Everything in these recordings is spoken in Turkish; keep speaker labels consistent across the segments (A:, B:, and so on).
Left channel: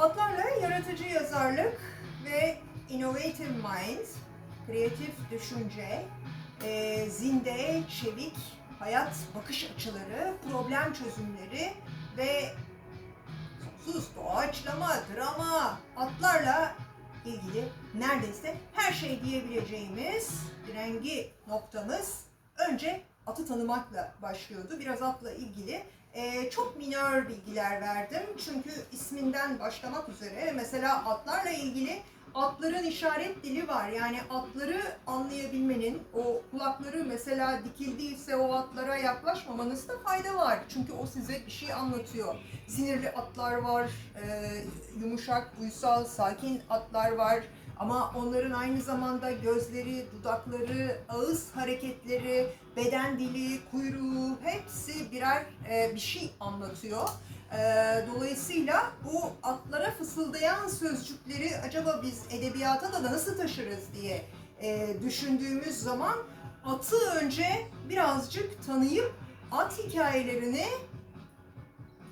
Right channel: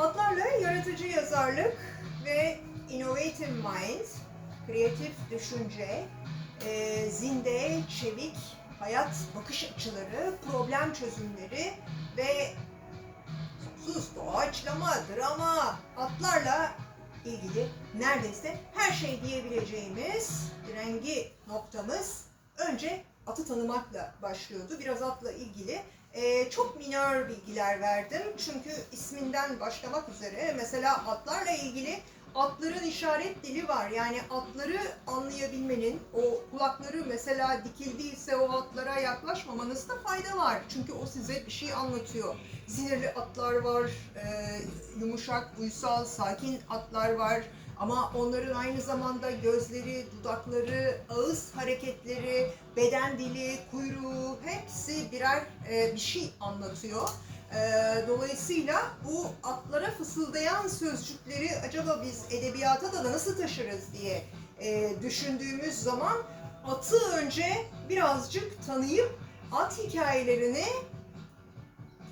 A: Atlarla yaratıcı yazarlık ve innovative mind, kreatif düşünce, e, zinde, çevik, hayat bakış açıları, problem çözümleri ve sonsuz doğaçlama, drama, atlarla ilgili neredeyse her şey diyebileceğimiz rengi noktamız önce atı tanımakla başlıyordu. Biraz atla ilgili ee, çok minör bilgiler verdim. Çünkü isminden başlamak üzere mesela atlarla ilgili atların işaret dili var. Yani atları anlayabilmenin, o kulakları mesela dikildiyse o atlara yaklaşmamanızda fayda var. Çünkü o size bir şey anlatıyor. Sinirli atlar var, e, yumuşak, uysal, sakin atlar var. Ama onların aynı zamanda gözleri, dudakları, ağız hareketleri, beden dili, kuyruğu hepsi birer e, bir şey anlatıyor. E, dolayısıyla bu atlara fısıldayan sözcükleri acaba biz edebiyata da nasıl taşırız diye e, düşündüğümüz zaman atı önce birazcık tanıyıp at hikayelerini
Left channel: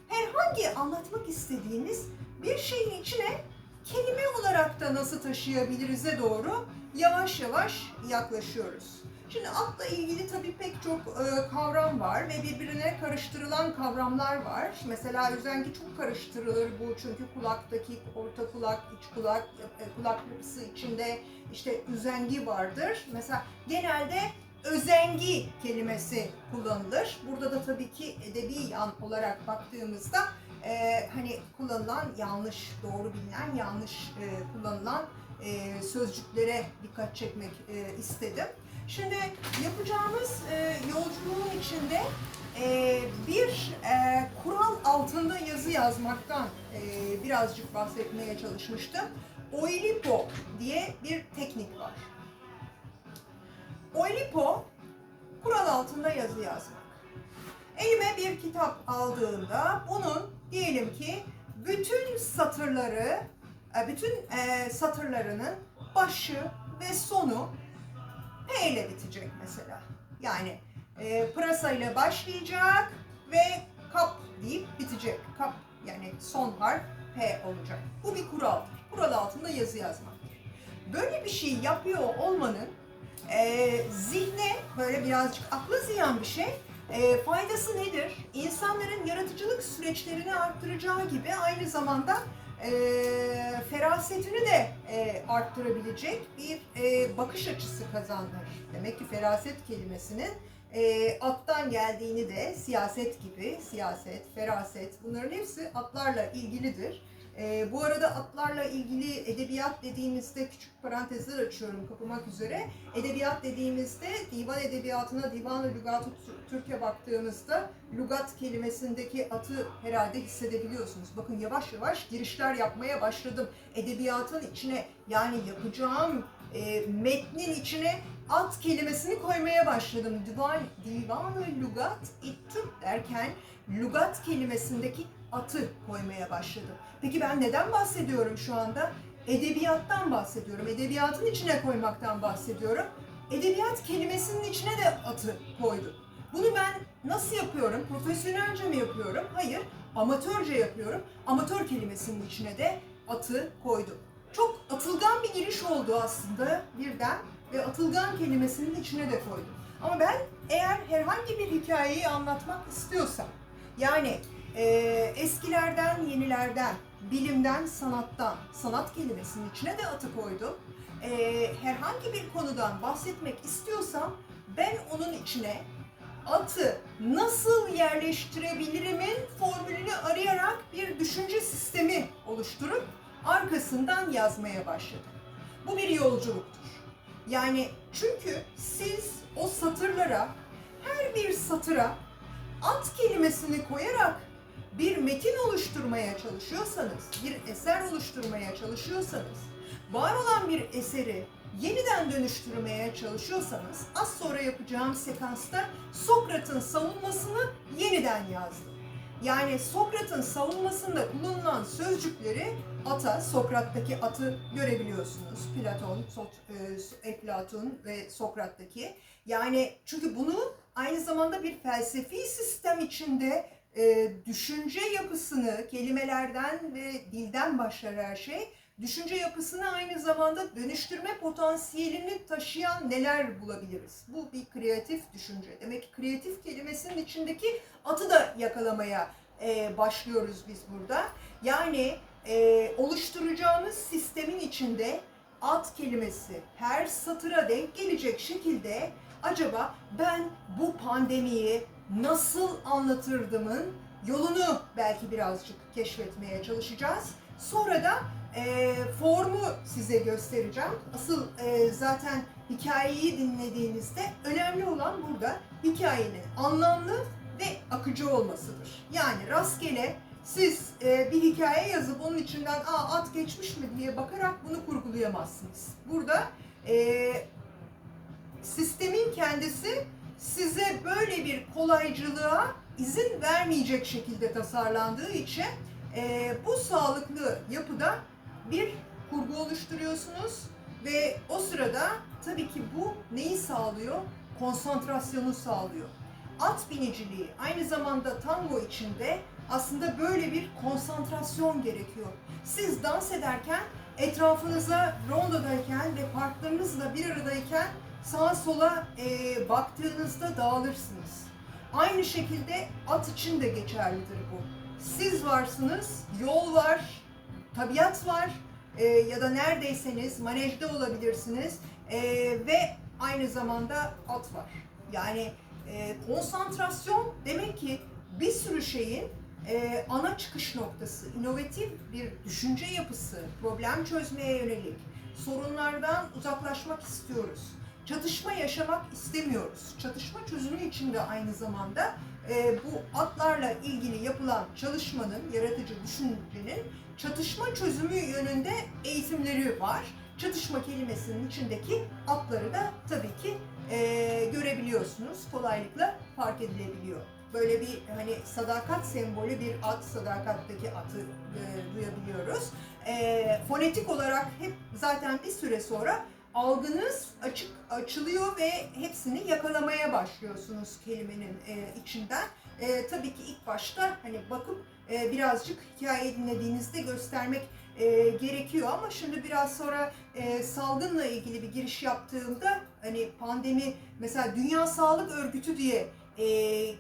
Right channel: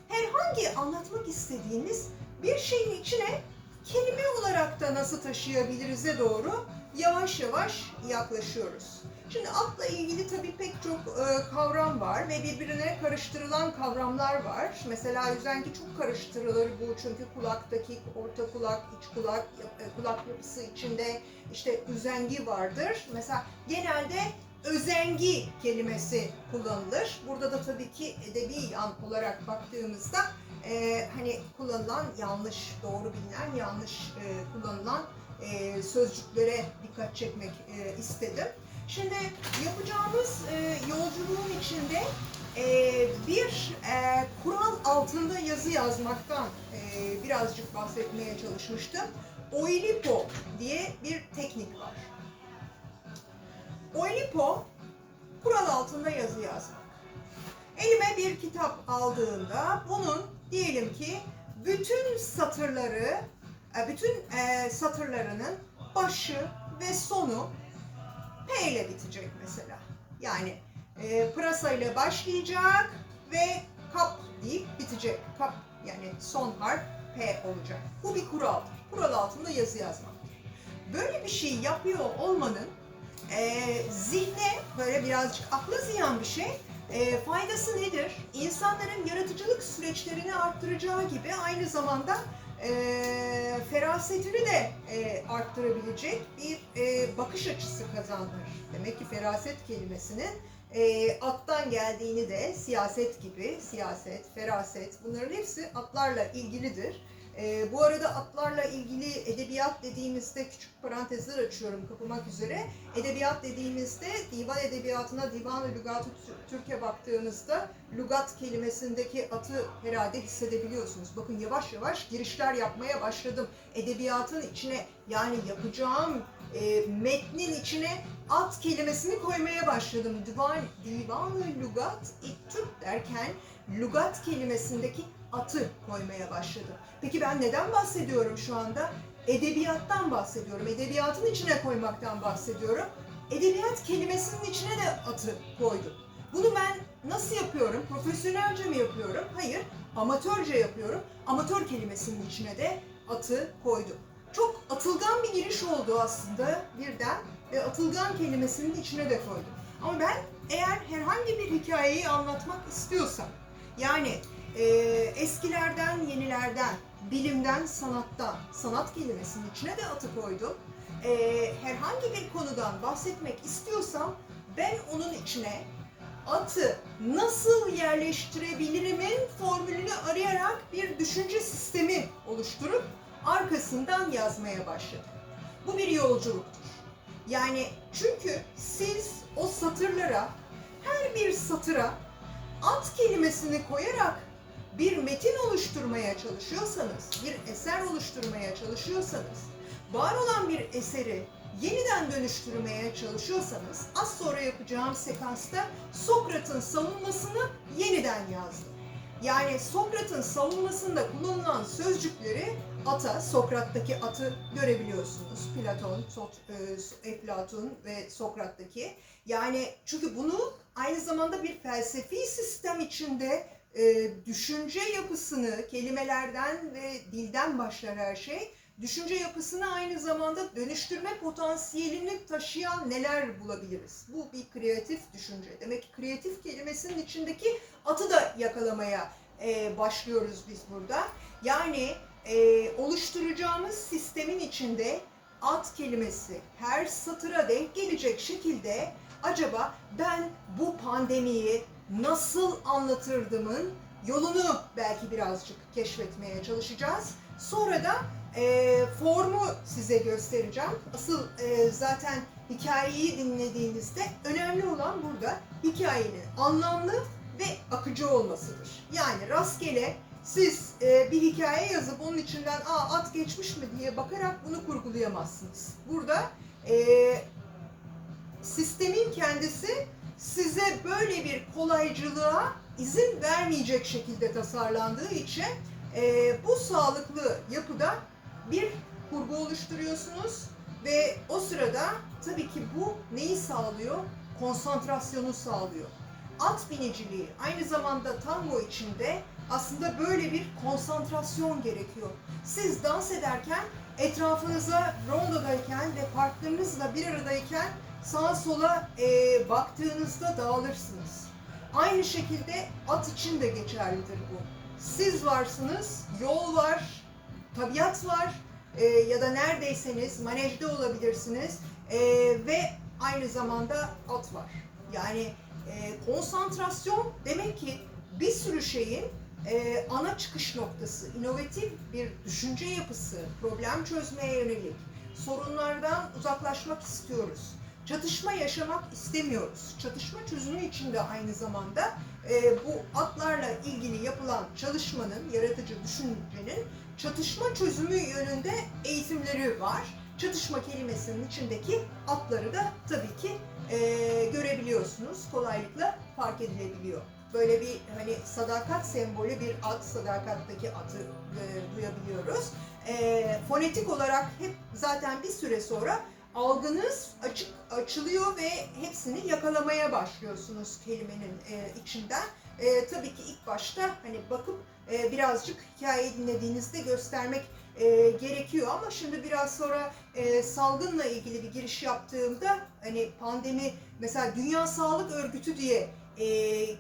A: herhangi anlatmak istediğimiz bir şeyin içine kelime olarak da nasıl taşıyabiliriz'e doğru yavaş yavaş yaklaşıyoruz. Şimdi atla ilgili tabii pek çok e, kavram var ve birbirine karıştırılan kavramlar var. Mesela üzengi çok karıştırılır bu çünkü kulaktaki orta kulak, iç kulak, e, kulak yapısı içinde işte üzengi vardır. Mesela genelde özengi kelimesi kullanılır. Burada da tabii ki edebi yan olarak baktığımızda e, hani kullanılan yanlış, doğru bilinen yanlış e, kullanılan e, sözcüklere dikkat çekmek e, istedim. Şimdi yapacağımız e, yolculuğun içinde e, bir e, kural altında yazı yazmaktan e, birazcık bahsetmeye çalışmıştım. Oilipo diye bir teknik var. Oilipo, kural altında yazı yazmak. Elime bir kitap aldığımda bunun diyelim ki bütün satırları, e, bütün e, satırlarının başı ve sonu P ile bitecek mesela. Yani e, pırasa ile başlayacak ve kap deyip bitecek. Kap yani son harf P olacak. Bu bir kuraldır. Kural altında yazı yazmak. Böyle bir şey yapıyor olmanın e, zihne böyle birazcık akla ziyan bir şey. E, faydası nedir? İnsanların yaratıcılık süreçlerini arttıracağı gibi aynı zamanda e, ferasetini de e, arttırabilecek bir e, bakış açısı kazanır. Demek ki feraset kelimesinin e, attan geldiğini de siyaset gibi, siyaset, feraset bunların hepsi atlarla ilgilidir. E, bu arada atlarla ilgili edebiyat dediğimizde küçük parantezler açıyorum kapamak üzere. Edebiyat dediğimizde divan edebiyatına, divan-ı lügat-ı Türk'e baktığınızda lügat kelimesindeki atı herhalde hissedebiliyorsunuz. Bakın yavaş yavaş girişler yapmaya başladım. Edebiyatın içine yani yapacağım e, metnin içine at kelimesini koymaya başladım. Divan, divan-ı lügat-ı Türk derken lügat kelimesindeki atı koymaya başladım. Peki ben neden bahsediyorum şu anda? Edebiyattan bahsediyorum. Edebiyatın içine koymaktan bahsediyorum. Edebiyat kelimesinin içine de atı koydum. Bunu ben nasıl yapıyorum? Profesyonelce mi yapıyorum? Hayır, amatörce yapıyorum. Amatör kelimesinin içine de atı koydum. Çok atılgan bir giriş oldu aslında birden ve atılgan kelimesinin içine de koydum. Ama ben eğer herhangi bir hikayeyi anlatmak istiyorsam, yani e, eskilerden yenilerden, bilimden sanattan, sanat kelimesinin içine de atı koydum. E, herhangi bir konudan bahsetmek istiyorsam ben onun içine atı nasıl yerleştirebilirimin formülünü arayarak bir düşünce sistemi oluşturup arkasından yazmaya başladım. Bu bir yolculuktur. Yani çünkü siz o satırlara, her bir satıra at kelimesini koyarak bir metin oluşturmaya çalışıyorsanız, bir eser oluşturmaya çalışıyorsanız, var olan bir eseri yeniden dönüştürmeye çalışıyorsanız az sonra yapacağım sekansta Sokrat'ın savunmasını yeniden yazdım. Yani Sokrat'ın savunmasında kullanılan sözcükleri ata, Sokrat'taki atı görebiliyorsunuz. Platon, Sot, e, Eflatun ve Sokrat'taki. Yani çünkü bunu aynı zamanda bir felsefi sistem içinde e, düşünce yapısını kelimelerden ve dilden başlar her şey. Düşünce yapısını aynı zamanda dönüştürme potansiyelini taşıyan neler bulabiliriz? Bu bir kreatif düşünce. Demek ki kreatif kelimesinin içindeki atı da yakalamaya e, başlıyoruz biz burada. Yani e, oluşturacağımız sistemin içinde at kelimesi her satıra denk gelecek şekilde acaba ben bu pandemiyi nasıl anlatırdımın yolunu belki birazcık keşfetmeye çalışacağız. Sonra da e, formu size göstereceğim. Asıl e, zaten hikayeyi dinlediğinizde önemli olan burada hikayenin anlamlı ve akıcı olmasıdır. Yani rastgele siz e, bir hikaye yazıp onun içinden Aa, at geçmiş mi diye bakarak bunu kurgulayamazsınız. Burada e, sistemin kendisi size böyle bir kolaycılığa izin vermeyecek şekilde tasarlandığı için e, bu sağlıklı yapıda bir kurgu oluşturuyorsunuz ve o sırada tabii ki bu neyi sağlıyor? Konsantrasyonu sağlıyor. At biniciliği aynı zamanda tango içinde aslında böyle bir konsantrasyon gerekiyor. Siz dans ederken etrafınıza rondodayken ve partnerınızla bir aradayken sağa sola e, baktığınızda dağılırsınız. Aynı şekilde at için de geçerlidir bu. Siz varsınız, yol var, tabiat var e, ya da neredeyseniz manejde olabilirsiniz e, ve aynı zamanda at var. Yani e, konsantrasyon demek ki bir sürü şeyin e, ana çıkış noktası, inovatif bir düşünce yapısı, problem çözmeye yönelik, sorunlardan uzaklaşmak istiyoruz. Çatışma yaşamak istemiyoruz. Çatışma çözümü için de aynı zamanda e, bu atlarla ilgili yapılan çalışmanın, yaratıcı düşüncenin çatışma çözümü yönünde eğitimleri var. Çatışma kelimesinin içindeki atları da tabii ki e, görebiliyorsunuz. Kolaylıkla fark edilebiliyor. Böyle bir hani sadakat sembolü bir at, sadakattaki atı e, duyabiliyoruz. E, fonetik olarak hep zaten bir süre sonra algınız açık açılıyor ve hepsini yakalamaya başlıyorsunuz kelimenin e, içinden. E, tabii ki ilk başta hani bakıp e, birazcık hikayeyi dinlediğinizde göstermek e, gerekiyor ama şimdi biraz sonra e, salgınla ilgili bir giriş yaptığımda hani pandemi mesela Dünya Sağlık Örgütü diye e, e,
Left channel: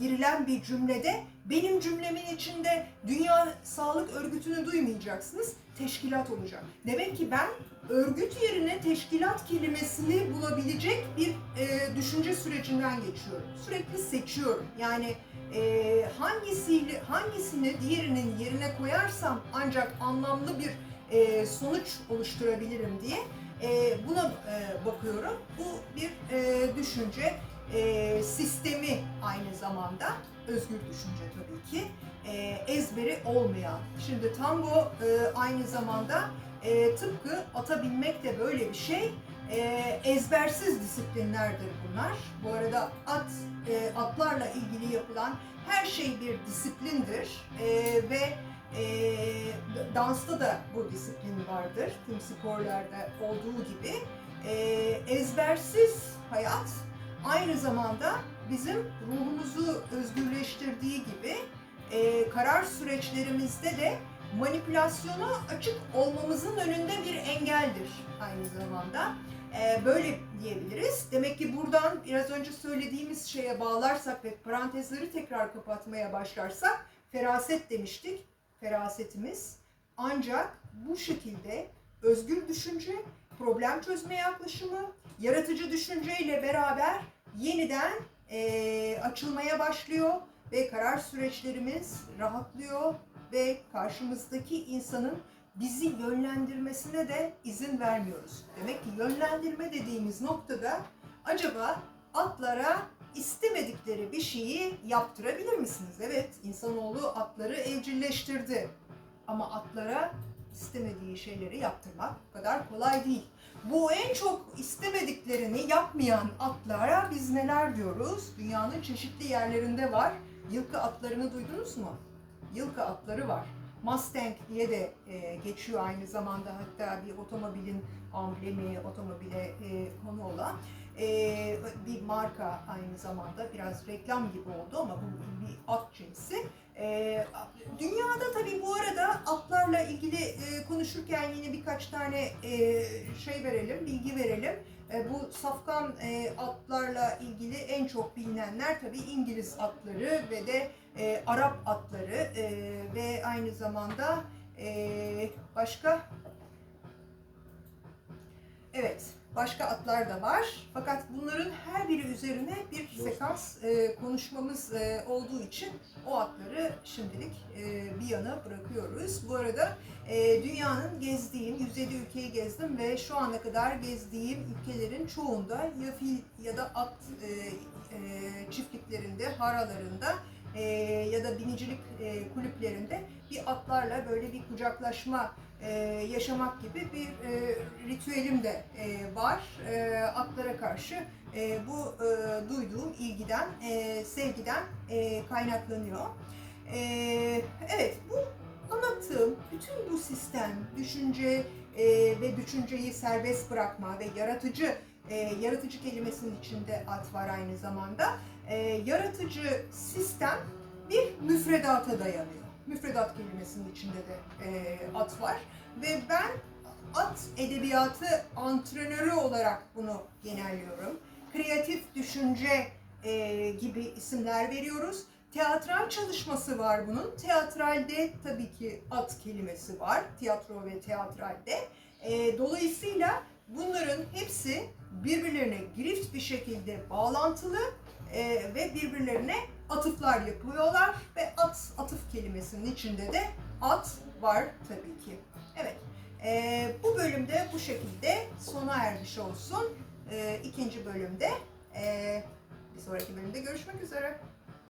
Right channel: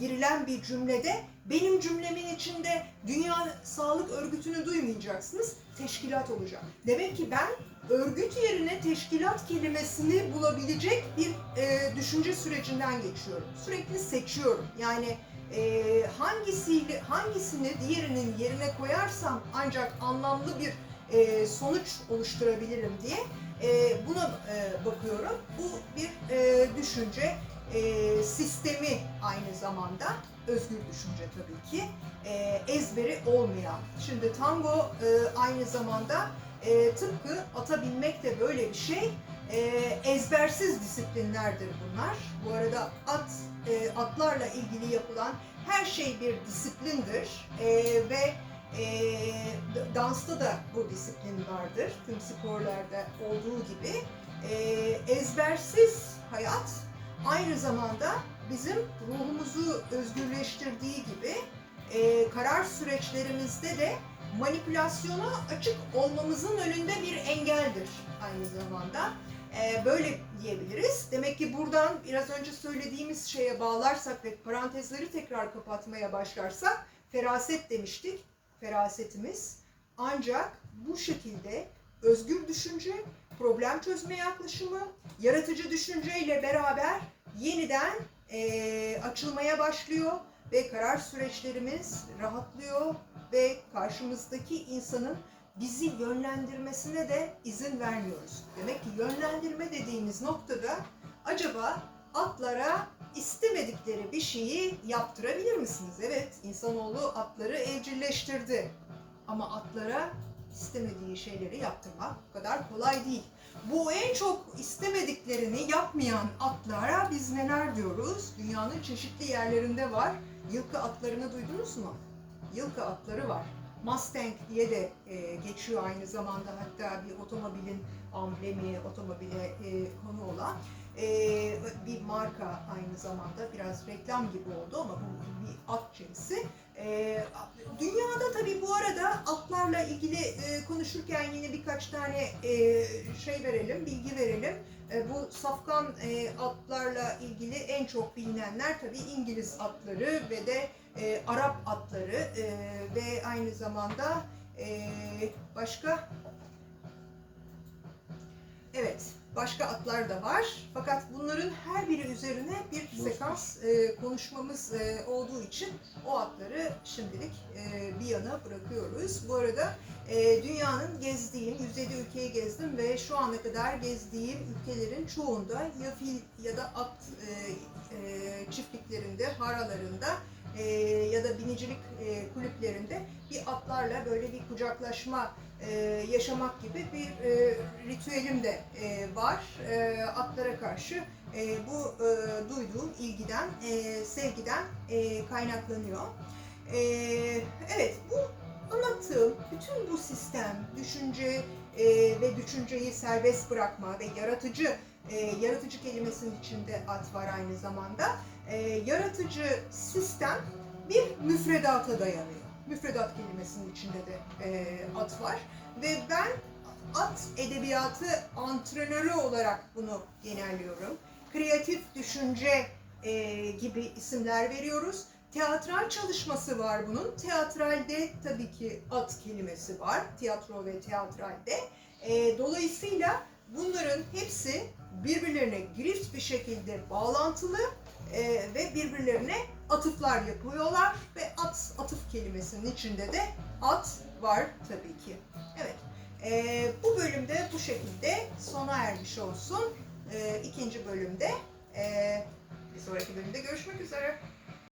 A: girilen bir cümlede benim cümlemin içinde Dünya Sağlık Örgütü'nü duymayacaksınız. Teşkilat olacak. Demek ki ben örgüt yerine teşkilat kelimesini bulabilecek bir e, düşünce sürecinden geçiyorum. Sürekli seçiyorum. Yani e, hangisiyle hangisini diğerinin yerine koyarsam ancak anlamlı bir e, sonuç oluşturabilirim diye e, buna e, bakıyorum. Bu bir e, düşünce e, sistemi aynı zamanda özgür düşünce tabii ki e, ezberi olmayan. Şimdi tango e, aynı zamanda e, tıpkı ata binmek de böyle bir şey. E, ezbersiz disiplinlerdir bunlar. Bu arada at e, atlarla ilgili yapılan her şey bir disiplindir E, ve e, dansta da bu disiplin vardır. Tüm sporlarda olduğu gibi. E, ezbersiz hayat aynı zamanda bizim ruhumuzu özgürleştirdiği gibi e, karar süreçlerimizde de manipülasyona açık olmamızın önünde bir engeldir aynı zamanda. E, böyle diyebiliriz. Demek ki buradan biraz önce söylediğimiz şeye bağlarsak ve parantezleri tekrar kapatmaya başlarsak feraset demiştik. Ferasetimiz ancak bu şekilde özgür düşünce, problem çözme yaklaşımı, yaratıcı düşünceyle beraber yeniden eee, açılmaya başlıyor ve karar süreçlerimiz rahatlıyor ve karşımızdaki insanın bizi yönlendirmesine de izin vermiyoruz. Demek ki yönlendirme dediğimiz noktada acaba atlara istemedikleri bir şeyi yaptırabilir misiniz? Evet, insanoğlu atları evcilleştirdi. Ama atlara istemediği şeyleri yaptırmak bu kadar kolay değil. Bu en çok istemediklerini yapmayan atlara biz neler diyoruz? Dünyanın çeşitli yerlerinde var. Yılkı atlarını duydunuz mu? Yılkı atları var. Mustang diye de e, geçiyor aynı zamanda hatta bir otomobilin amblemi, otomobile e, konu olan. Ee, bir marka aynı zamanda biraz reklam gibi oldu ama bu bir at cinsi. Ee, dünyada tabii bu arada atlarla ilgili e, konuşurken yine birkaç tane e, şey verelim, bilgi verelim. E, bu safkan e, atlarla ilgili en çok bilinenler tabii İngiliz atları ve de e, Arap atları e, ve aynı zamanda e, başka Evet, başka atlar da var. Fakat bunların her biri üzerine bir sekans e, konuşmamız e, olduğu için o atları şimdilik e, bir yana bırakıyoruz. Bu arada e, dünyanın gezdiğim, 107 ülkeyi gezdim ve şu ana kadar gezdiğim ülkelerin çoğunda ya fil ya da at e, e, çiftliklerinde, haralarında e, ya da binicilik e, kulüplerinde bir atlarla böyle bir kucaklaşma e, yaşamak gibi bir e, ritüelim de e, var. Atlara karşı bu e, duyduğum ilgiden, sevgiden kaynaklanıyor. Evet, bu anlattığım bütün bu sistem, düşünce ve düşünceyi serbest bırakma ve yaratıcı, yaratıcı kelimesinin içinde at var aynı zamanda. Yaratıcı sistem bir müfredata dayanıyor. Müfredat kelimesinin içinde de e, at var ve ben at edebiyatı antrenörü olarak bunu genelliyorum. Kreatif düşünce e, gibi isimler veriyoruz. Teatral çalışması var bunun. Teatralde tabii ki at kelimesi var. Tiyatro ve teatralde. E, dolayısıyla bunların hepsi birbirlerine girift bir şekilde bağlantılı e, ve birbirlerine atıflar yapıyorlar ve at atıf kelimesinin içinde de at var tabii ki. Evet. e, bu bölümde bu şekilde sona ermiş olsun. E, ikinci bölümde e, bir sonraki bölümde görüşmek üzere.